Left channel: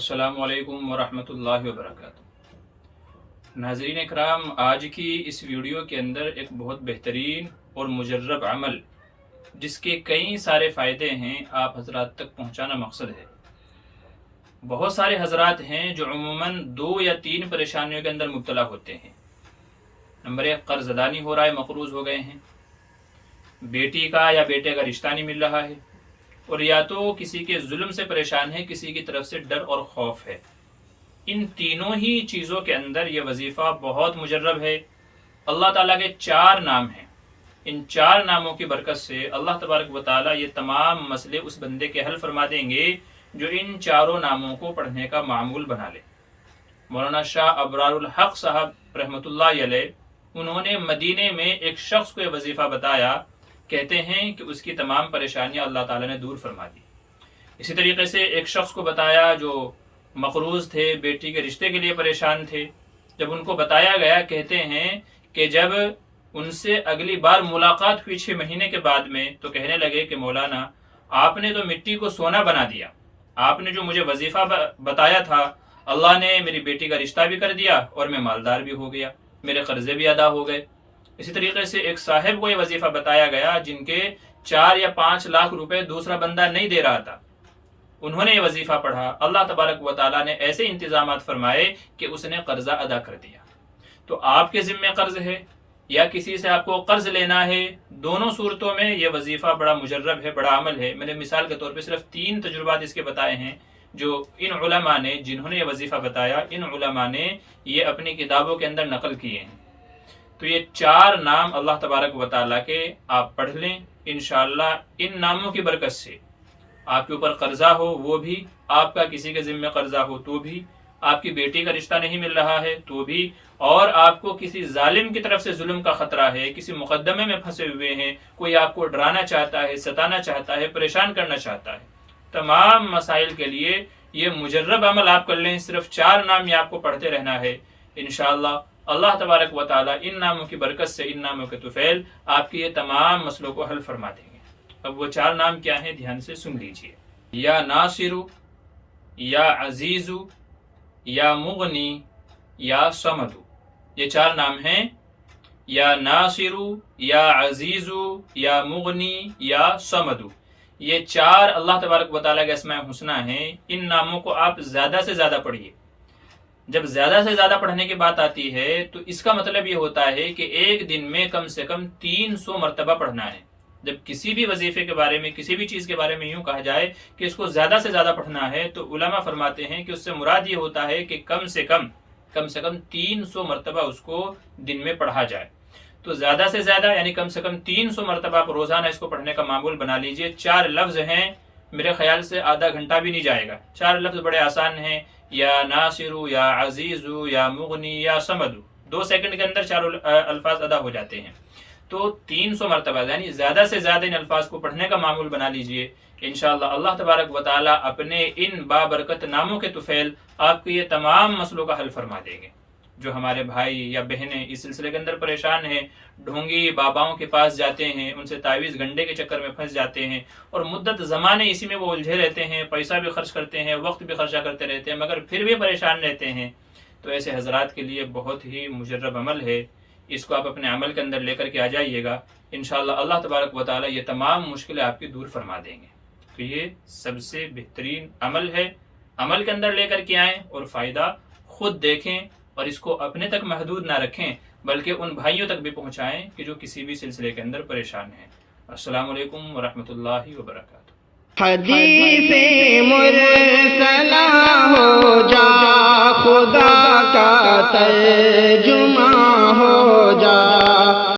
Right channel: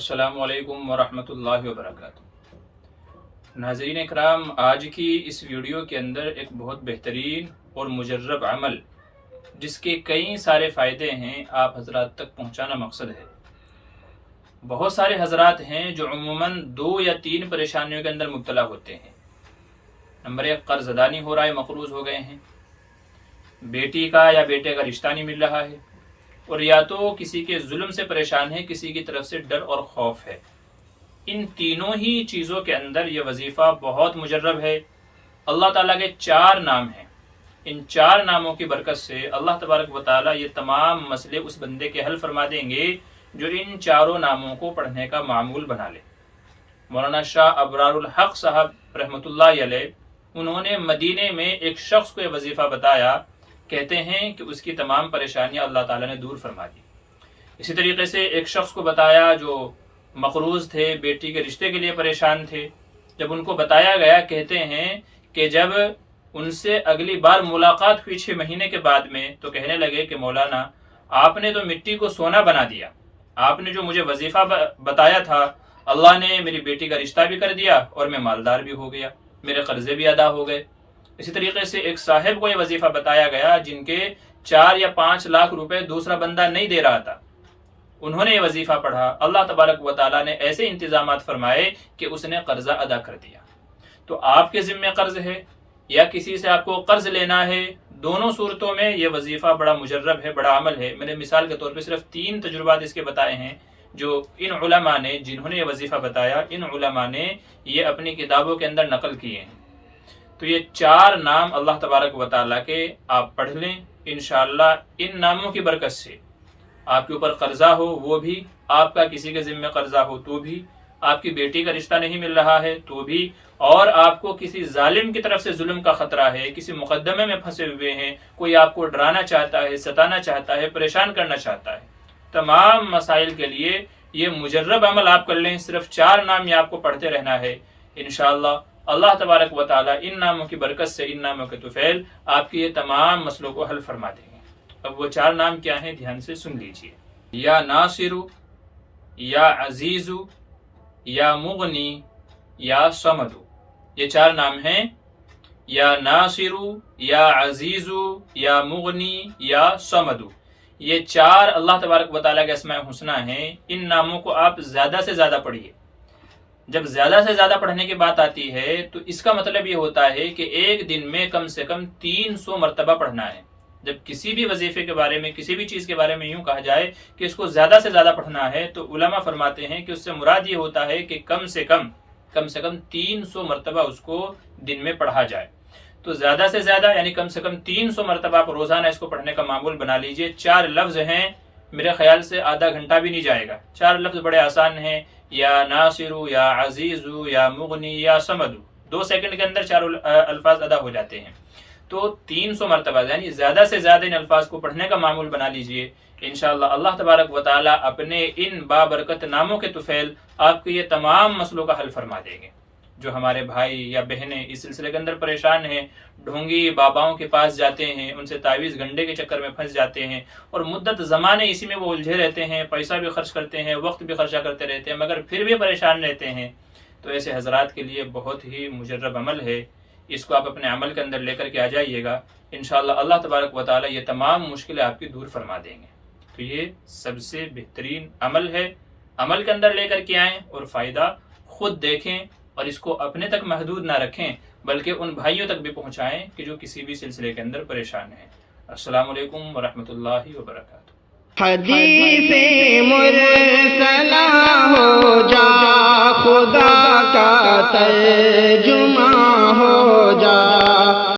अस्सलामु अलैकुम वरहमतुल्लाहि वबरकातुहू। नाज़रीन इकराम, आज की इस वीडियो के अंदर एक बहुत बेहतरीन और मुजर्रब अमल जिसके कई सारे फ़ायदे हैं आप हजरात तक पहुँचाना मकसद है। बहुत सारे हजरात हैं जो अमूमन 2 या 3 परेशानियों के अंदर मुब्तला होते हैं। नंबर 1, कर्ज अदा नहीं हो रहा है, मकरूज हो गए हैं, बेटी का या बेटे का रिश्ता नहीं मिल रहा है, और या तो किसी के जुल्म से परेशान है, किसी की तरफ से डर और खौफ है। इन तीनों ही चीज़ों के अंदर यह वजीफ़ा बहुत मुजर्रब है। अल्लाह ताला के 4 नाम हैं। इन 4 नामों की बरकत से अल्लाह तबारक व तआला ये तमाम मसले उस बंदे के हल फरमा देंगे जो इन 4 नामों को पढ़ने का मामूल बना ले। मौलाना शाह अबरारुल हक साहब रहमतुल्लाह अलैह, उन्होंने मदीने में एक शख्स को यह वजीफ़ा बताया। कहते हैं कि उसकी तमाम परेशानियां अल्लाह ताला ने दूर फरमा दी। इसी तरीके से एक शख्स को बताया जो मकरूज थे, बेटी के रिश्ते के लिए परेशान थे। जब उनको बताया गया, कहते हैं कि जब उनसे अगली बार मुलाकात हुई 6 महीने के बाद में, तो कहने लगे कि मौलाना, आपने तो मिट्टी को सोना बना दिया। आपने जो मुझे वजीफा बताया था, अल्लाह ने मेरी बेटी का रिश्ता भी कर दिया और मैं मालदार भी हो गया, मेरे कर्जे भी अदा हो गए। इसी तरीके से एक साहिब को यह वजीफा बताया गया जिनके 4 या 5 लाख रुपए दूसरा बंदा नहीं दे रहा था। उन्होंने ये वजीफा पढ़ा, अल्लाह तबारक व तआला ने ऐसे इंतजामात फरमाए कि उसने कर्जा अदा कर दिया। तो आपके जिम्मे कर्ज है या किसी से आपको कर्ज लेना है, दोनों सूरतों में यह वजीफा बड़ा मुजर्रब है, बड़ा अमल है। मैंने मिसाल के तौर पर सिर्फ 3 तजुर्बात इसके बताए हैं जो इन उलमा ने, जिन्होंने यह वजीफा बताया, इन उलमा ने ये अपनी किताबों के अंदर नकल किए हैं। तो ये 4 नाम अल्लाह तबारक व तआला के आप पढ़ लें। इंशाअल्लाह इन नामों की बरकत से आपके ऊपर कर्जा हो वो भी, आपका किसी के जिम्मे कर्जा हो तो भी, आपकी बेटी का रिश्ता नहीं मिल रहा है तो भी, और आपको किसी जालिम की तरफ से जुल्म का खतरा है, किसी मुकदमे में फंसे हुए हैं, कोई आपको डराना चाहता है, सताना चाहता है, परेशान करना चाहता है, तमाम मसाइल के लिए ये मुजर्रब अमल आप कर लें। सिर्फ 4 नाम ये आपको पढ़ते रहना है। इंशाअल्लाह अल्लाह तबारक व तआला इन नामों की बरकत से, इन नामों के तुफैल आपके ये तमाम मसलों को हल फरमा देंगे। अब वो 4 नाम क्या हैं, ध्यान से सुन लीजिए। या नासिरु, या अजीजु, या मुगनी, या समदु। ये 4 नाम हैं। या नासिरु, या अजीजु, या मुगनी, या समदु। ये 4 अल्लाह तबारक व तआला के अस्माए हुस्ना हैं। इन नामों को आप ज्यादा से ज्यादा पढ़िए। जब ज्यादा से ज्यादा पढ़ने की बात आती है तो इसका मतलब ये होता है कि एक दिन में कम से कम 300 मरतबा पढ़ना है। जब किसी भी वजीफे के बारे में, किसी भी चीज के बारे में यूं कहा जाए कि इसको ज्यादा से ज्यादा पढ़ना है, तो उलमा फरमाते हैं कि उससे मुराद ये होता है कि कम से कम 300 मरतबा उसको दिन में पढ़ा जाए। तो ज्यादा से ज्यादा यानी कम से कम 300 मरतबा आप रोजाना इसको पढ़ने का मामूल बना लीजिए। 4 लफ्ज हैं, मेरे ख्याल से आधा घंटा भी नहीं जाएगा। 4 लफ्ज बड़े आसान हैं, या नासिरु, या अजीजु, या मुगनी, या समदु। 2 सेकंड के अंदर 4 अल्फाज अदा हो जाते हैं। तो 300 मरतबा यानी ज्यादा से ज्यादा इन अल्फाज को पढ़ने का मामूल बना लीजिए। इंशाअल्लाह अल्लाह तबारक व तआला अपने इन बाबरकत नामों के तुफैल आपके ये तमाम मसलों का हल फरमा देंगे। जो हमारे भाई या बहनें इस सिलसिले के अंदर परेशान हैं, ढोंगी बाबाओं के पास जाते हैं, उनसे तावीज़ गंडे के चक्कर में फंस जाते हैं और मुद्दत ज़माने इसी में वो उलझे रहते हैं, पैसा भी खर्च करते हैं, वक्त भी खर्चा करते रहते हैं, मगर फिर भी परेशान रहते हैं, तो ऐसे हजरात के लिए बहुत ही मुजर्रब अमल है। इसको आप अपने अमल के अंदर लेकर के आ जाइएगा। इंशाअल्लाह अल्लाह तबारक व तआला ये तमाम मुश्किलें आपकी दूर फरमा देंगे। तो ये सबसे बेहतरीन अमल है। अमल के अंदर लेकर के आएँ और फ़ायदा खुद देखें और इसको अपने तक महदूद ना रखें, बल्कि उन भाइयों तक भी पहुंचाएं कि जो किसी भी सिलसिले के अंदर परेशान हैं। अस्सलामु अलैकुम वरहमतुल्लाहि वबरकातुहू। हदीसे मुरसला हो जा, खुदा का तर्जुमा हो जा।